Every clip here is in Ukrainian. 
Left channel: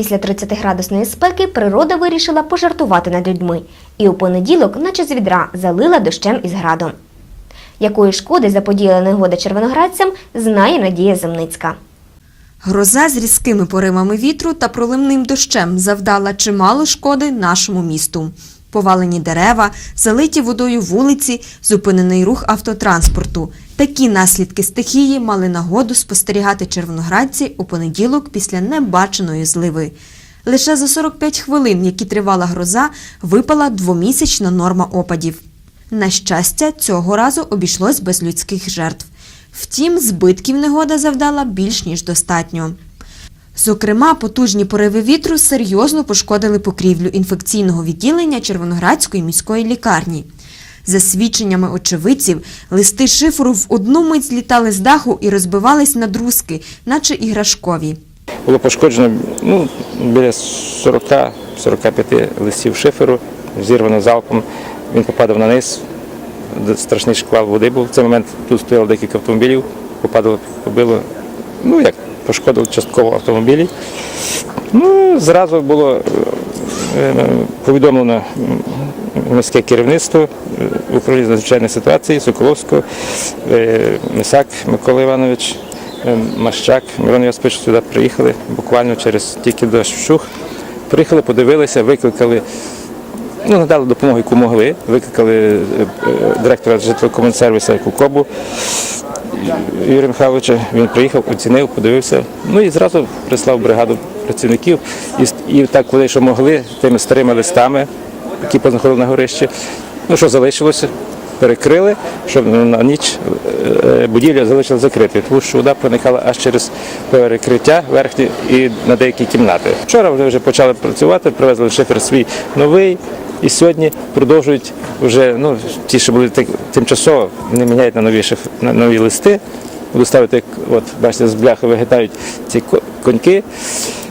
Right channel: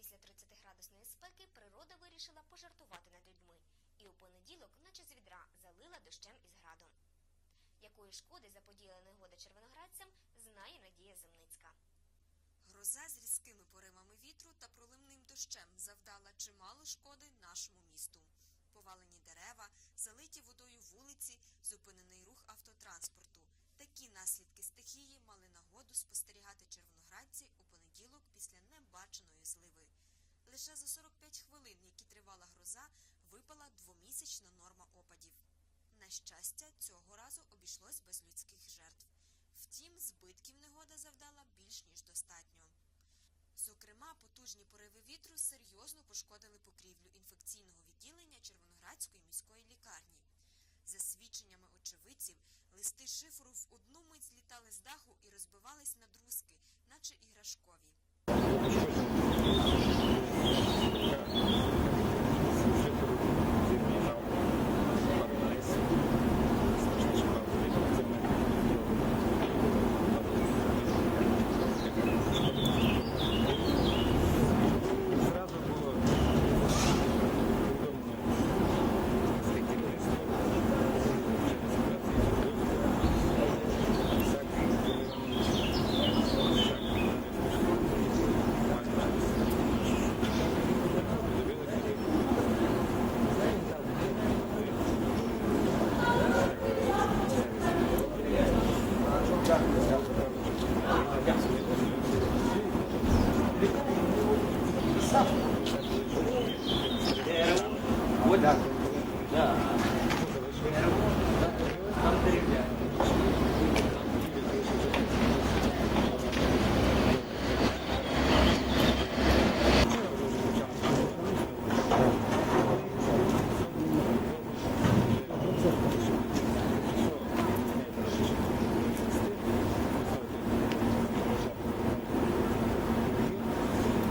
Після 30-градусної спеки природа вирішила пожартувати над людьми і у понеділок, наче з відра, залила дощем із градом. Якої шкоди заподіяла негода червоноградцям, знає Надія Земницька. Гроза з різкими поривами вітру та проливним дощем завдала чимало шкоди нашому місту. Повалені дерева, залиті водою вулиці, зупинений рух автотранспорту. Такі наслідки стихії мали нагоду спостерігати червоноградці у понеділок після небаченої зливи. Лише за 45 хвилин, які тривала гроза, випала двомісячна норма опадів. На щастя, цього разу обійшлось без людських жертв. Втім, збитків негода завдала більш ніж достатньо. Зокрема, потужні пориви вітру серйозно пошкодили покрівлю інфекційного відділення Червоноградської міської лікарні. За свідченнями очевидців, листи шиферу в одну мить злітали з даху і розбивались на друзки, наче іграшкові. Було пошкоджено ну, біля 40-45 листів шиферу, зірвано залпом. Він попадав на низ, страшний шквал води був. В цей момент тут стояло декілька автомобілів, попадало, побило, ну як, пошкодило частково автомобілі. Ну, зразу було е, е, повідомлено міське керівництво е, управління з надзвичайних ситуацій Соколовського, Мисак Микола Іванович, Мащак, Мирон Йосипович сюди приїхали буквально через тільки дощ вщух. Приїхали, подивилися, викликали, ну, надали допомогу, яку могли, викликали директора житлово-комунсервісу Кукобу Юрія Михайловича. Він приїхав, оцінив, подивився. Ну і зразу прислав бригаду працівників. І, і так вони, що могли, тими старими листами, які познаходили на горищі. Ну що залишилося? Перекрили, щоб на ніч е, будівля залишилася закритою, тому що вода проникала аж через перекриття верхнє і на деякі кімнати. Вчора вони вже почали працювати, привезли шифер свій новий, і сьогодні продовжують вже ну, ті, що були тик- тимчасово, вони міняють на нові, шиф... на нові листи. Будуть ставити, як, от, бачите, з бляхи вигитають ці коньки,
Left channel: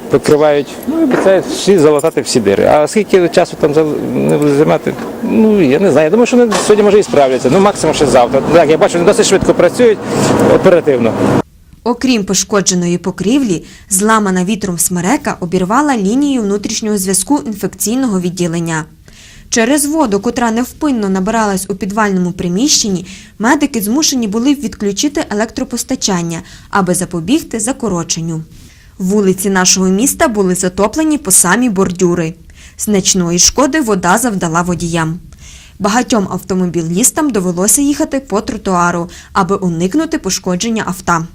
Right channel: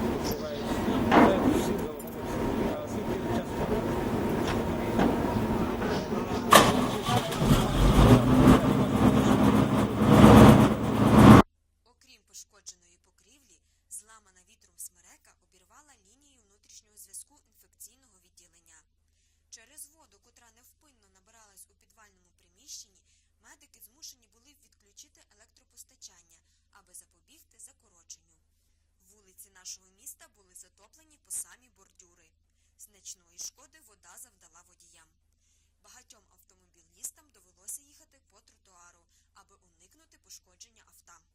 покривають, ну і обіцяють всі залатати всі дири. А скільки часу там не буде займати, ну я не знаю. Я думаю, що вони сьогодні може і справляться. Ну максимум ще завтра. Так, я бачу, вони досить швидко працюють оперативно. Окрім пошкодженої покрівлі, зламана вітром смерека обірвала лінію внутрішнього зв'язку інфекційного відділення. Через воду, котра невпинно набиралась у підвальному приміщенні, медики змушені були відключити електропостачання, аби запобігти закороченню. Вулиці нашого міста були затоплені по самі бордюри. Значної шкоди вода завдала водіям. Багатьом автомобілістам довелося їхати по тротуару, аби уникнути пошкодження авто.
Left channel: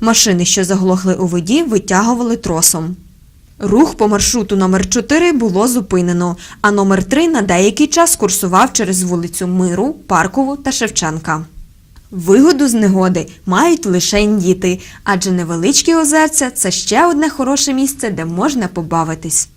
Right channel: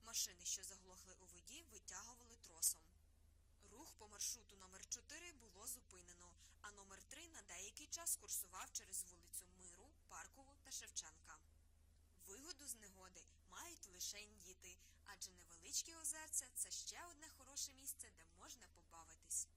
Машини, що заглохли у воді, витягували тросом. Рух по маршруту номер 4 було зупинено, а номер 3 на деякий час курсував через вулицю Миру, Паркову та Шевченка. Вигоду з негоди мають лише діти, адже невеличкі озерця це ще одне хороше місце, де можна побавитись.